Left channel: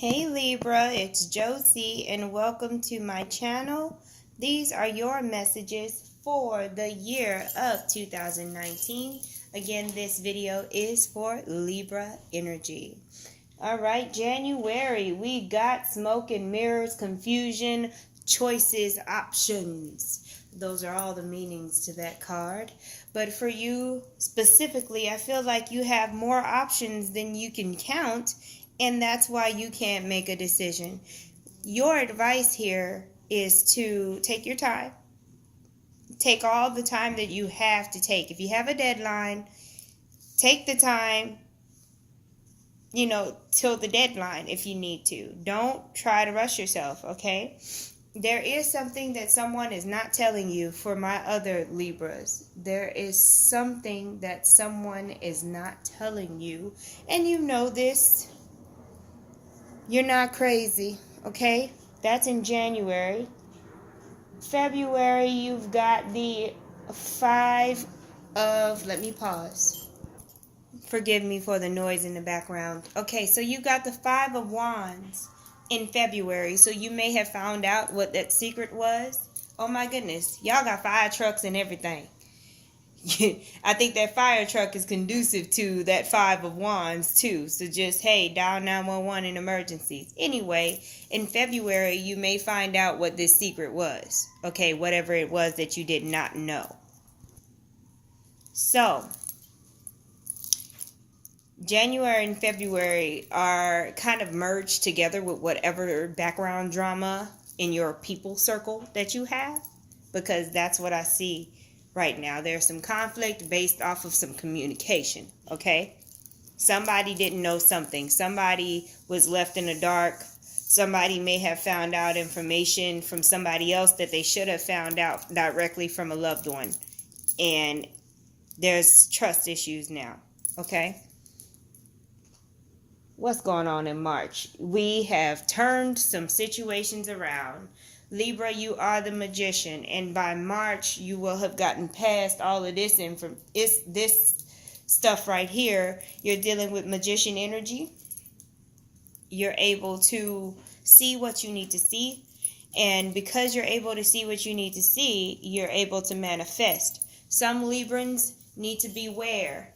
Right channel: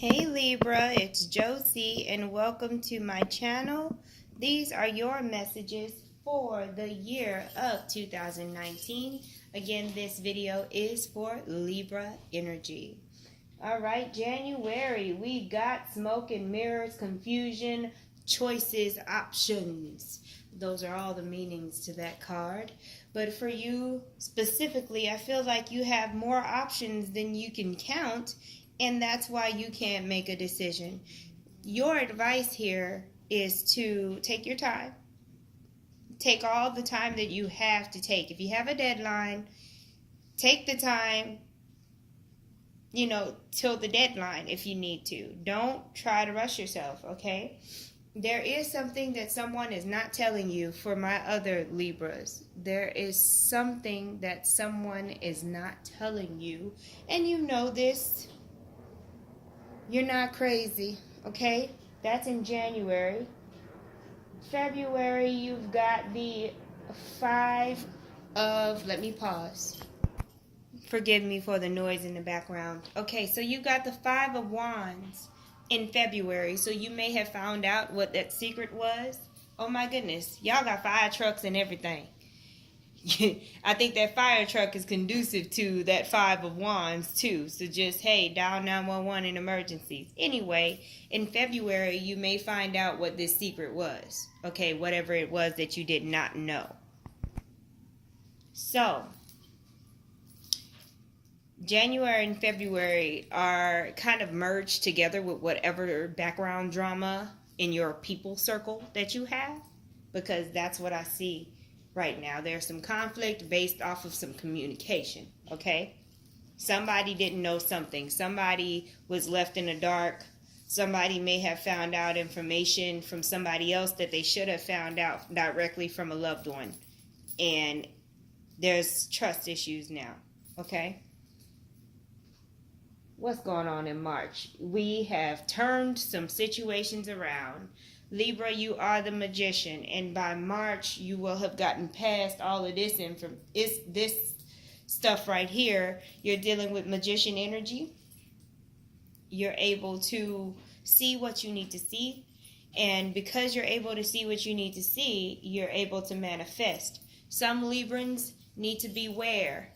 Hey Libra, it's Josie and welcome to my channel. These are your messages for the year of 2019. Again, this video is for Libra energy. Alright, January, we got smoke and mirrors, confusion, choices, options. Those are all the meanings to that card. But for you specifically, I feel like you have more options than you can count, and that's why you can't make a decision. Your advice here is to take your time. Take all the time that you have to take. If you have a deadline, take the time, till the deadline if you need to. Don't try to rush yourself, okay? There is something that someone is not telling you for my other Libras. There is something that someone is not telling you, and you know this. You're not crazy, okay? That's in January. February, you've got the let me pause. Forgive me for the noise in the background. Okay, so you got the 5 of Wands in February, so you may have found out what that secret was. Oh my goodness, y'all got fire trucks and everything. I think that fire truck is conducive to that 5 of Wands too. So just, hey, dial 911 in emergencies. Anyway, in February, you may find out what this secret was. Okay, whatever it was that you did not know. So, January and February are kind of merged together with whatever background drama in your people circle that you have, because that's what I see right now. There's some conflict based off of some communication, okay? Somebody didn't know something. Somebody was left in the dark. Somebody may have found out information from somebody else that they should have found out directly from a loved one. And there's trust issues now, okay? What's going on in March? We have turned some situations around. Libra, you are the magician, and by March you will have gotten past all of this this stuff right here. You're dealing with magician energy. You're able to see what you need to see, and because you're able to see what you need to see, you're able to manifest. Some Librans need to beware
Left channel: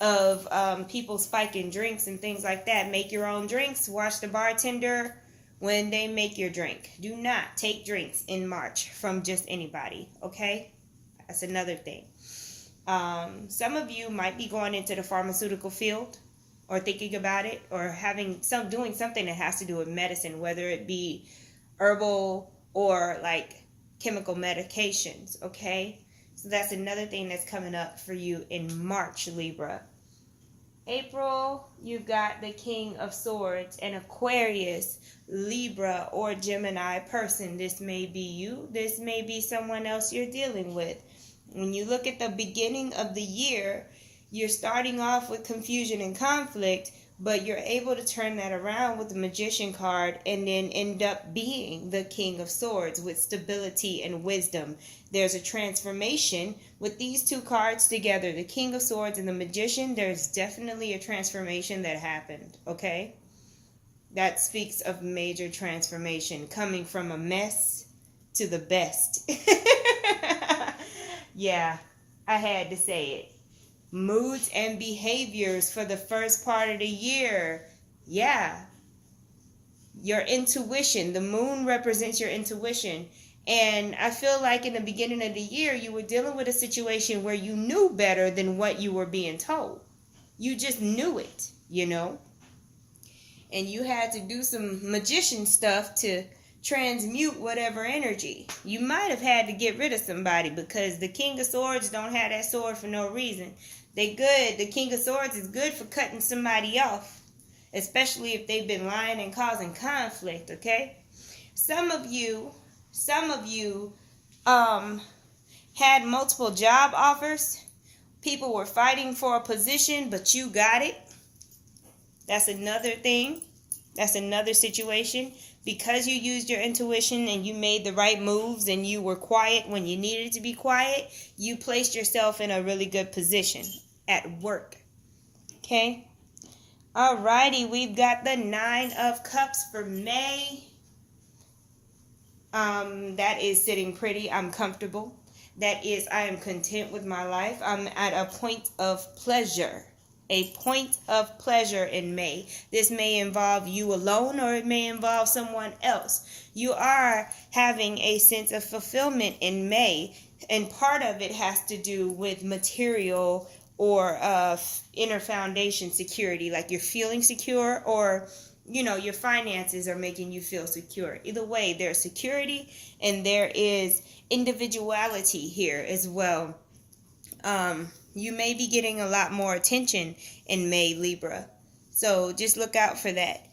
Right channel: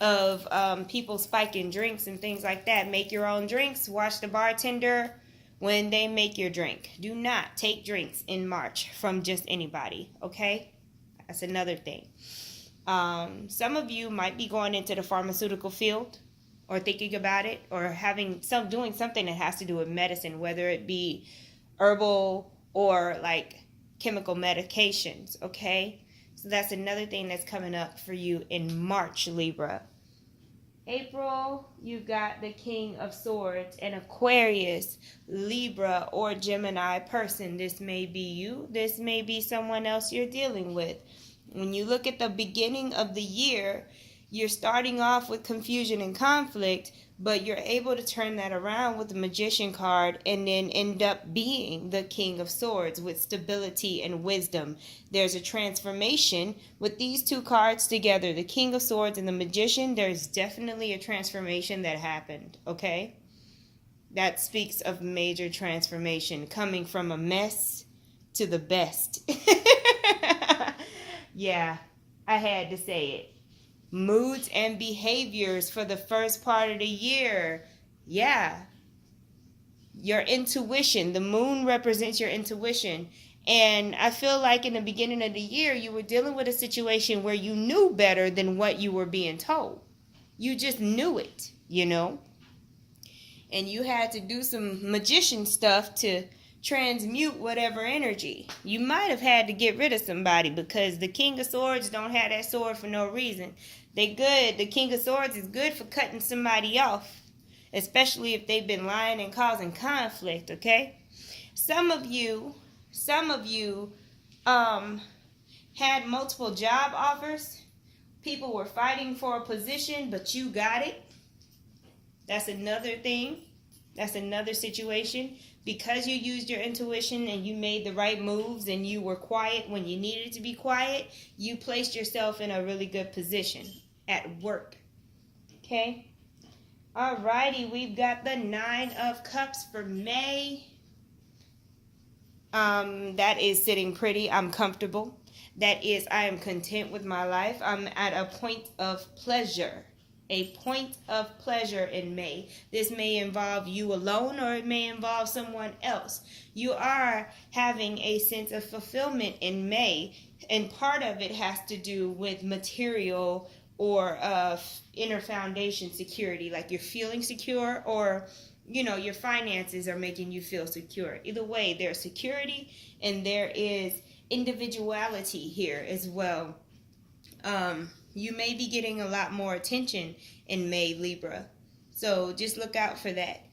of people spiking drinks and things like that. Make your own drinks. Watch the bartender when they make your drink. Do not take drinks in March from just anybody, okay? That's another thing. Some of you might be going into the pharmaceutical field or thinking about it, or doing something that has to do with medicine, whether it be herbal or like chemical medications, okay? So that's another thing that's coming up for you in March, Libra. April, you've got the King of Swords, and Aquarius, Libra, or Gemini person. This may be you. This may be someone else you're dealing with. When you look at the beginning of the year, you're starting off with confusion and conflict, but you're able to turn that around with the Magician card and then end up being the King of Swords with stability and wisdom. There's a transformation with these two cards together, the King of Swords and the Magician. There's definitely a transformation that happened, okay? That speaks of major transformation, coming from a mess to the best. Yeah, I had to say it. Moods and behaviors for the first part of the year. Yeah. Your intuition. The moon represents your intuition. And I feel like in the beginning of the year, you were dealing with a situation where you knew better than what you were being told. You just knew it, And you had to do some magician stuff to transmute whatever energy. You might have had to get rid of somebody, because the King of Swords don't have that sword for no reason. They good. The King of Swords is good for cutting somebody off, especially if they've been lying and causing conflict, okay? Some of you had multiple job offers. People were fighting for a position, but you got it. That's another thing. That's another situation. Because you used your intuition and you made the right moves and you were quiet when you needed to be quiet, you placed yourself in a really good position at work. Okay? Alrighty, we've got the Nine of Cups for May. That is sitting pretty. I'm comfortable. That is, I am content with my life. I'm at a point of pleasure. A point of pleasure in May. This may involve you alone or it may involve someone else. You are having a sense of fulfillment in May, and part of it has to do with material or inner foundation security, like you're feeling secure, or your finances are making you feel secure. Either way, there's security and there is individuality here as well. You may be getting a lot more attention in May, Libra. So just look out for that.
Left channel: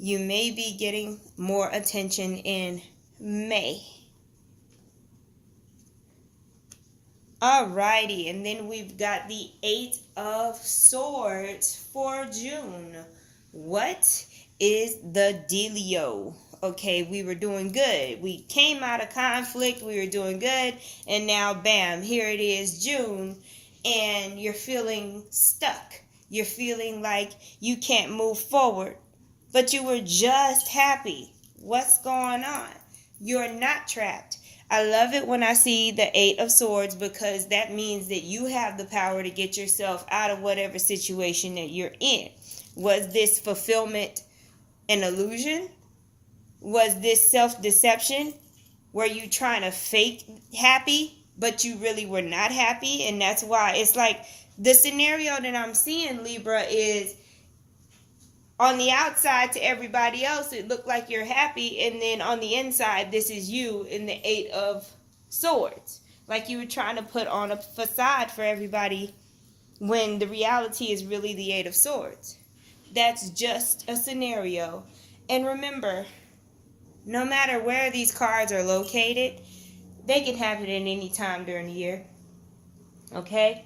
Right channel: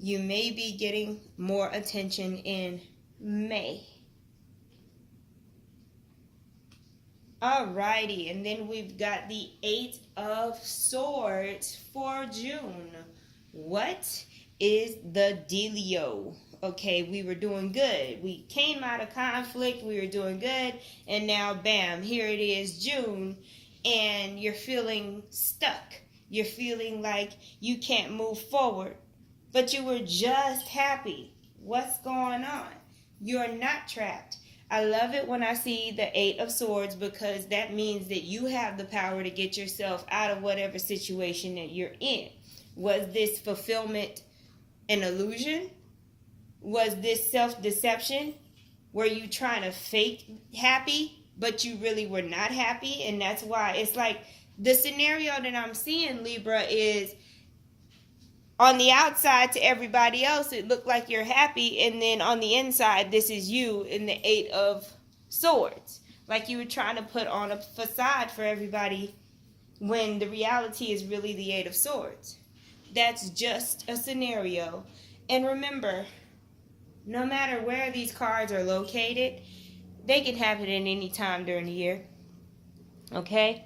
You may be getting more attention in May. Alrighty, and then we've got the Eight of Swords for June. What is the dealio? Okay, we were doing good. We came out of conflict, we were doing good, and now bam, here it is, June, and you're feeling stuck. You're feeling like you can't move forward, but you were just happy. What's going on? You're not trapped. I love it when I see the Eight of Swords, because that means that you have the power to get yourself out of whatever situation that you're in. Was this fulfillment an illusion? Was this self-deception? Were you trying to fake happy, but you really were not happy? And that's why it's like the scenario that I'm seeing, Libra, is on the outside to everybody else, it looked like you're happy. And then on the inside, this is you in the Eight of Swords. Like you were trying to put on a facade for everybody when the reality is really the Eight of Swords. That's just a scenario. And remember, no matter where these cards are located, they can have it at any time during the year. Okay?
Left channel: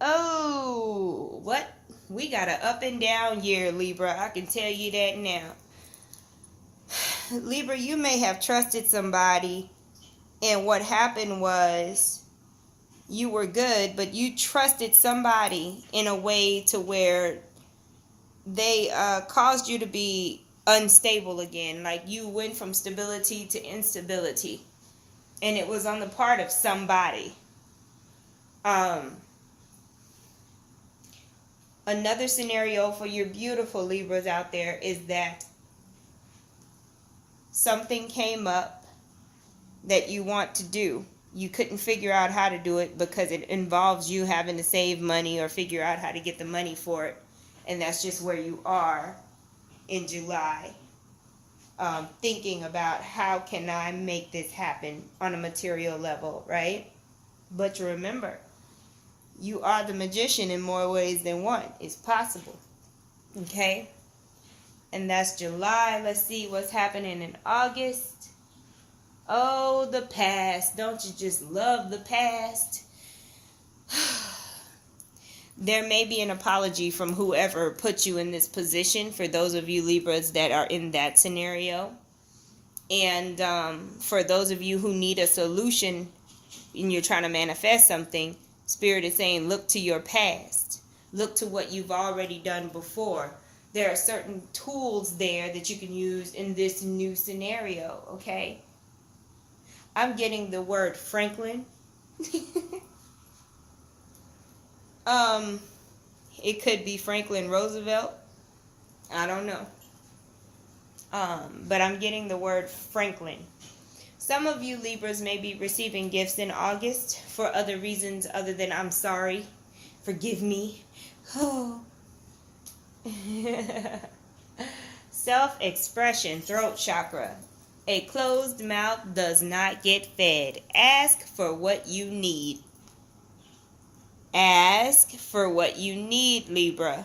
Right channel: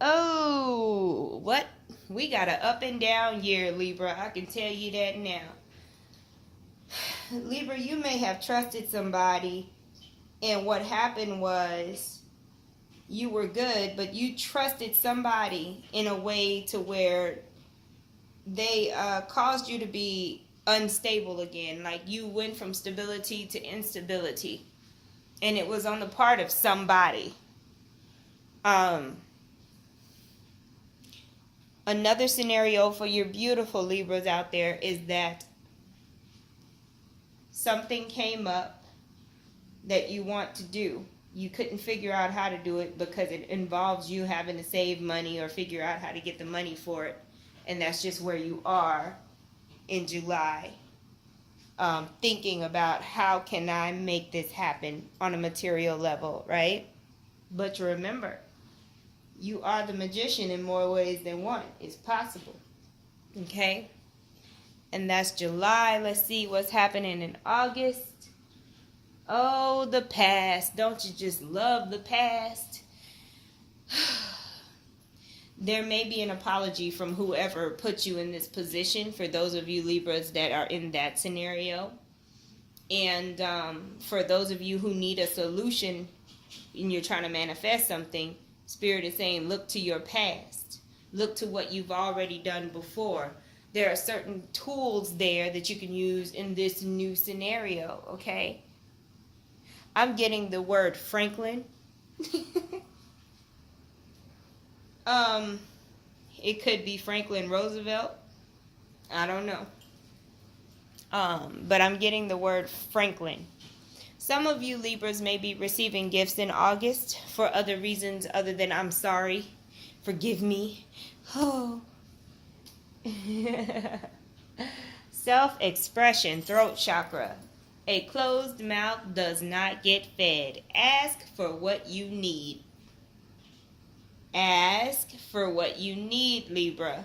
Oh, what? We got an up and down year, Libra. I can tell you that now. Libra, you may have trusted somebody, and what happened was you were good, but you trusted somebody in a way to where they caused you to be unstable again. Like you went from stability to instability, and it was on the part of somebody. Another scenario for your beautiful Libras out there is that something came up that you want to do. You couldn't figure out how to do it because it involves you having to save money or figure out how to get the money for it. And that's just where you are in July, thinking about how can I make this happen on a material level, right? But remember, you are the magician in more ways than one. It's possible. Okay? And that's July. Let's see what's happening in August. Oh, the past. Don't you just love the past? There may be an apology from whoever put you in this position, for those of you Libras that are in that scenario. And for those of you who need a solution and you're trying to manifest something, Spirit is saying, look to your past. Look to what you've already done before. There are certain tools there that you can use in this new scenario, okay? I'm getting the word Franklin. It could be Franklin Roosevelt. I don't know. But I'm getting the word Franklin. Some of you Libras may be receiving gifts in August for other reasons other than I'm sorry, forgive me. Oh. Self-expression, throat chakra. A closed mouth does not get fed. Ask for what you need. Ask for what you need, Libra.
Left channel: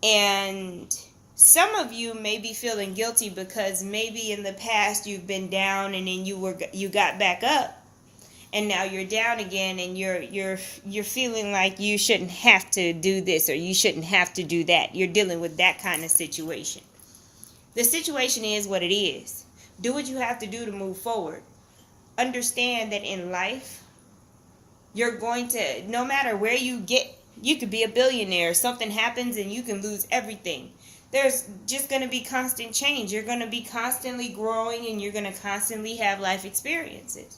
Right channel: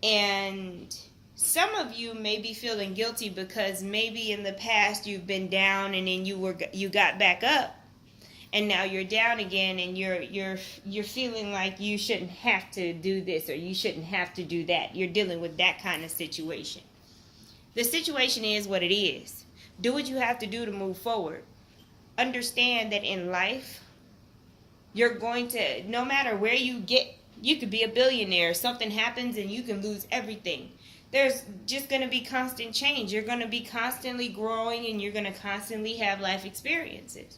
And some of you may be feeling guilty because maybe in the past you've been down and then you got back up, and now you're down again, and you're feeling like you shouldn't have to do this or you shouldn't have to do that. You're dealing with that kind of situation. The situation is what it is. Do what you have to do to move forward. Understand that in life, you're going to, no matter where you get You could be a billionaire. Something happens and you can lose everything. There's just going to be constant change. You're going to be constantly growing, and you're going to constantly have life experiences.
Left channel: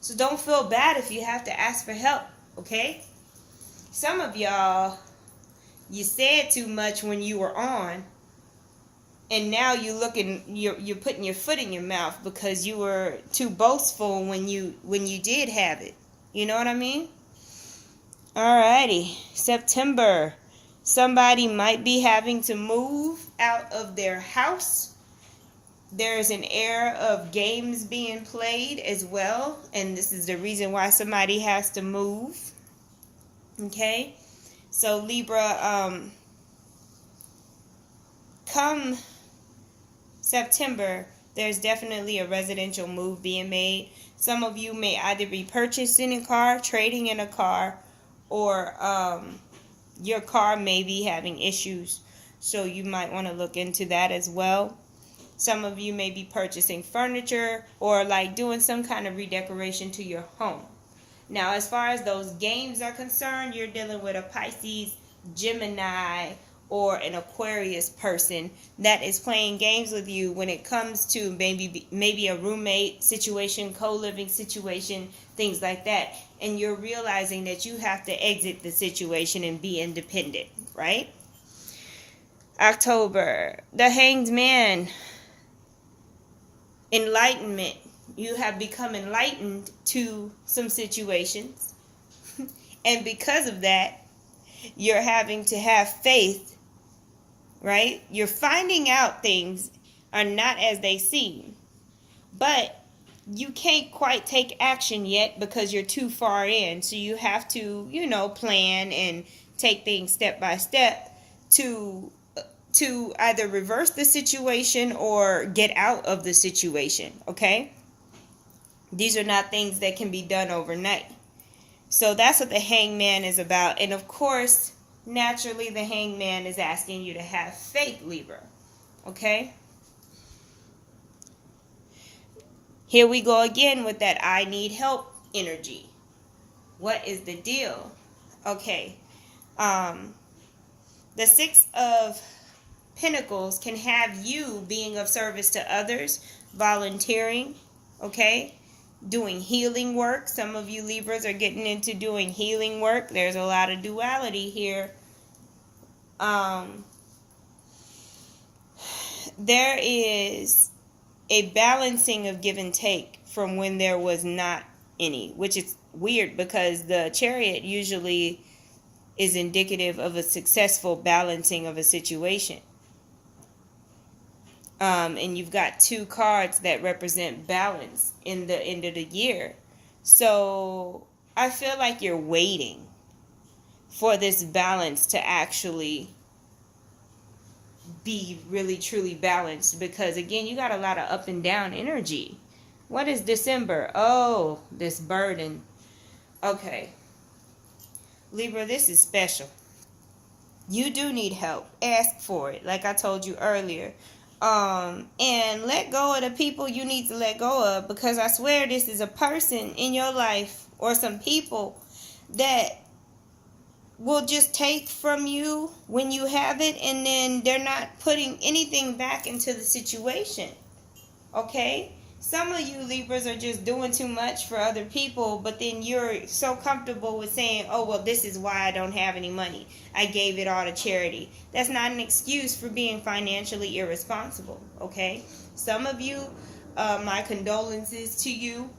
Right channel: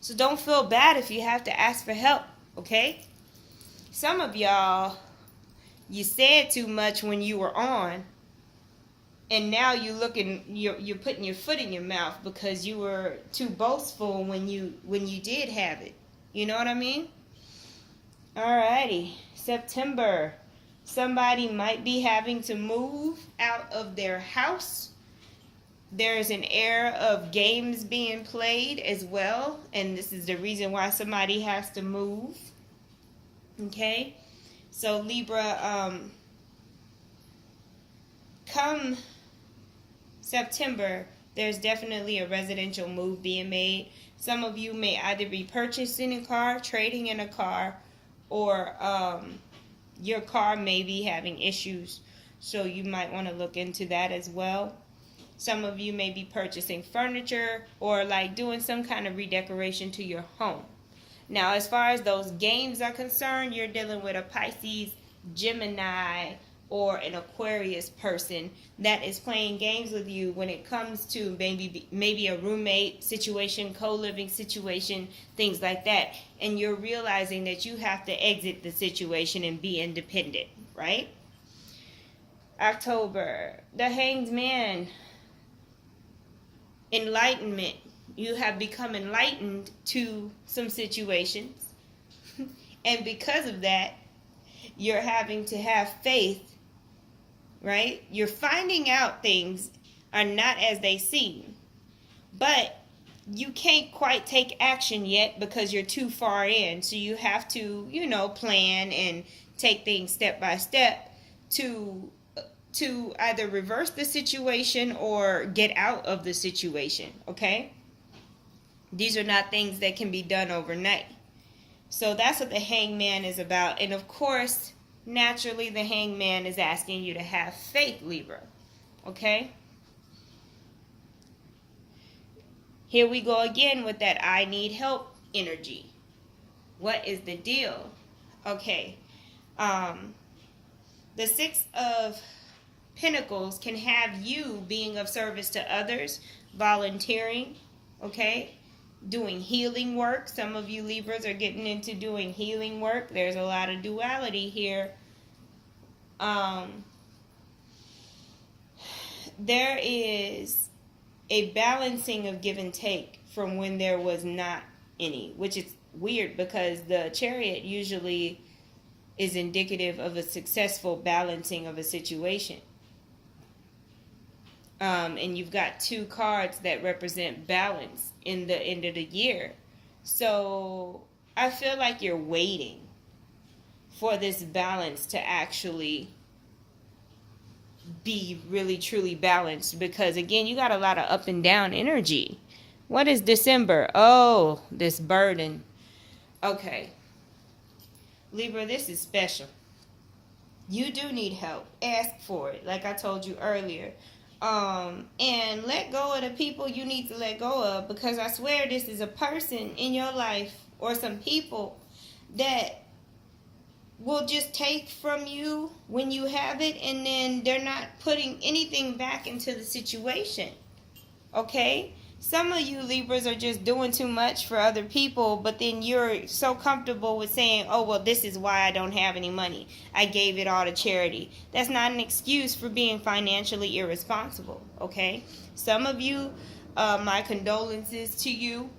So don't feel bad if you have to ask for help, okay? Some of y'all, you said too much when you were on, and now you're putting your foot in your mouth because you were too boastful when you did have it. You know what I mean? Alrighty, September. Somebody might be having to move out of their house. There's an era of games being played as well, and this is the reason why somebody has to move. Okay? So Libra, come September, there's definitely a residential move being made. Some of you may either be purchasing a car, trading in a car, or your car may be having issues, so you might want to look into that as well. Some of you may be purchasing furniture or like doing some kind of redecoration to your home. Now, as far as those games are concerned, you're dealing with a Pisces, Gemini, or an Aquarius person that is playing games with you when it comes to maybe a roommate situation, co-living situation, things like that. And you're realizing that you have to exit the situation and be independent, right? October, the Hanged Man. Enlightenment. You have become enlightened to some situations. And because of that, you're having to have faith, right? You're finding out things are not as they seem. But you can't quite take action yet because you're too far in. So you have to, plan and take things step by step to either reverse the situation or get out of the situation, okay? These are not things that can be done overnight. So that's what the Hangman is about. And of course, naturally, the Hangman is asking you to have faith, Libra, okay? Here we go again with that I need help energy. What is the deal? Okay. The Six of Pentacles can have you being of service to others, volunteering, okay? Doing healing work. Some of you Libras are getting into doing healing work. There's a lot of duality here. There is a balancing of give and take from when there was not any, which is weird because the Chariot usually is indicative of a successful balancing of a situation. And you've got two cards that represent balance in the end of the year. So I feel like you're waiting for this balance to actually be really truly balanced, because again, you got a lot of up and down energy. What is December? Oh, this burden. Okay, Libra, this is special. You do need help. Ask for it, like I told you earlier. And let go of the people you need to let go of, because I swear this is a person in your life or some people that will just take from you when you have it, and then they're not putting anything back into the situation. Okay? Some of you Libras are just doing too much for other people, but then you're so comfortable with saying, oh, well, this is why I don't have any money. I gave it all to charity. That's not an excuse for being financially irresponsible, okay? Some of you, my condolences to you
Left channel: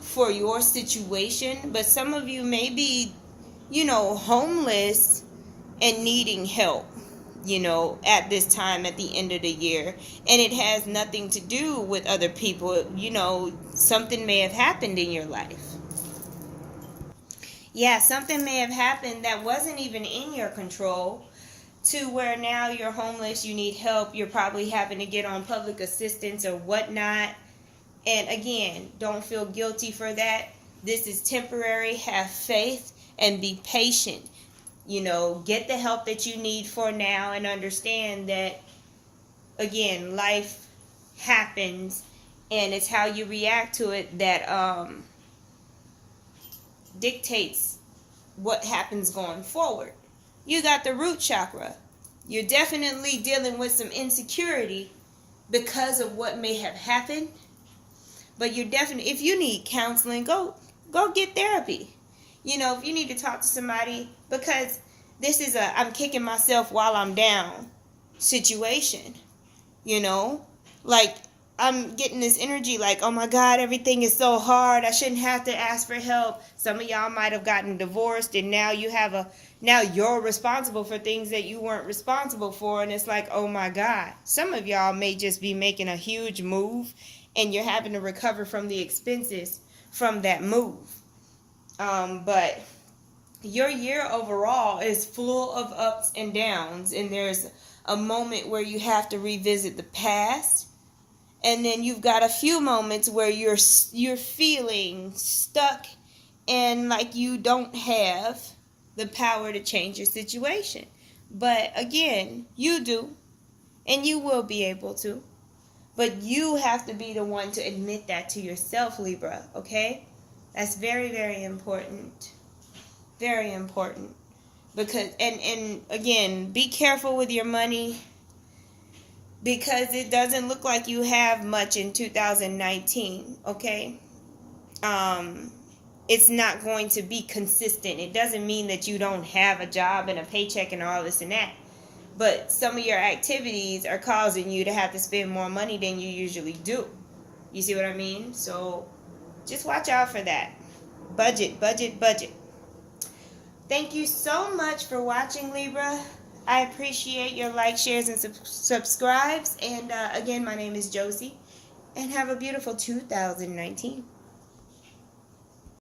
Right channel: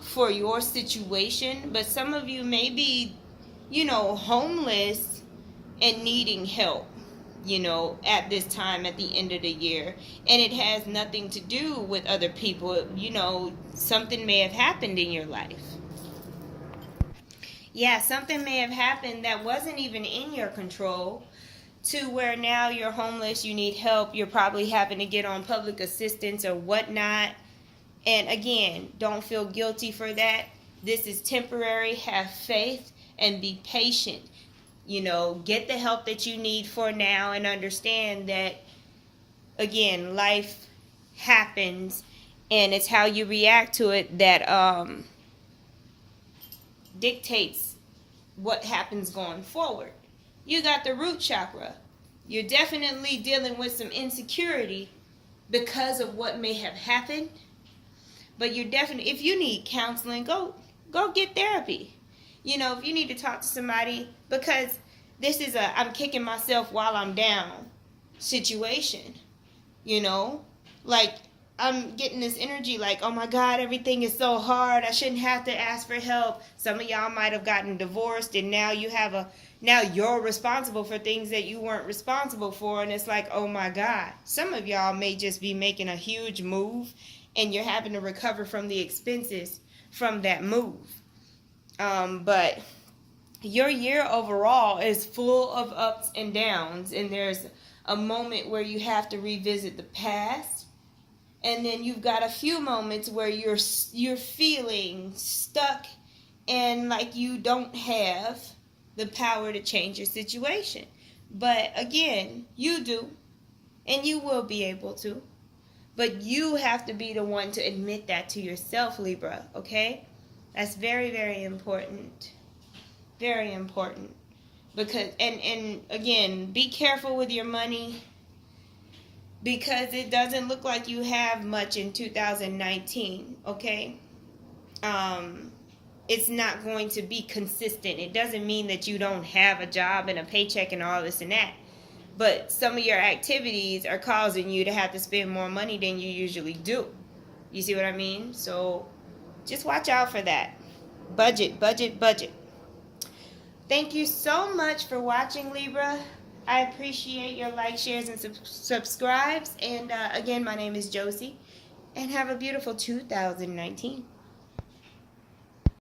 for your situation, but some of you may be, homeless and needing help, at this time at the end of the year. And it has nothing to do with other people. Something may have happened in your life. Yeah, something may have happened that wasn't even in your control, to where now you're homeless, you need help, you're probably having to get on public assistance or whatnot. And again, don't feel guilty for that. This is temporary. Have faith and be patient. Get the help that you need for now, and understand that, again, life happens, and it's how you react to it that dictates what happens going forward. You got the root chakra. You're definitely dealing with some insecurity because of what may have happened. But you're definitely, if you need counseling, go get therapy. You know, if you need to talk to somebody, because this is a I'm kicking myself while I'm down situation. You know, like I'm getting this energy like, oh my God, everything is so hard. I shouldn't have to ask for help. Some of y'all might have gotten divorced, and now you're responsible for things that you weren't responsible for. And it's like, oh my God. Some of y'all may just be making a huge move, and you're having to recover from the expenses from that move. But your year overall is full of ups and downs, and there's a moment where you have to revisit the past, and then you've got a few moments where you're feeling stuck and like you don't have the power to change your situation. But again, you do, and you will be able to. But you have to be the one to admit that to yourself, Libra, okay? That's very, very important. Very important. Because and again, be careful with your money, because it doesn't look like you have much in 2019, okay? It's not going to be consistent. It doesn't mean that you don't have a job and a paycheck and all this and that. But some of your activities are causing you to have to spend more money than you usually do. You see what I mean? So just watch out for that. Budget, budget, budget. Thank you so much for watching, Libra. I appreciate your likes, shares, and subscribes. And again, my name is Josie. And have a beautiful 2019.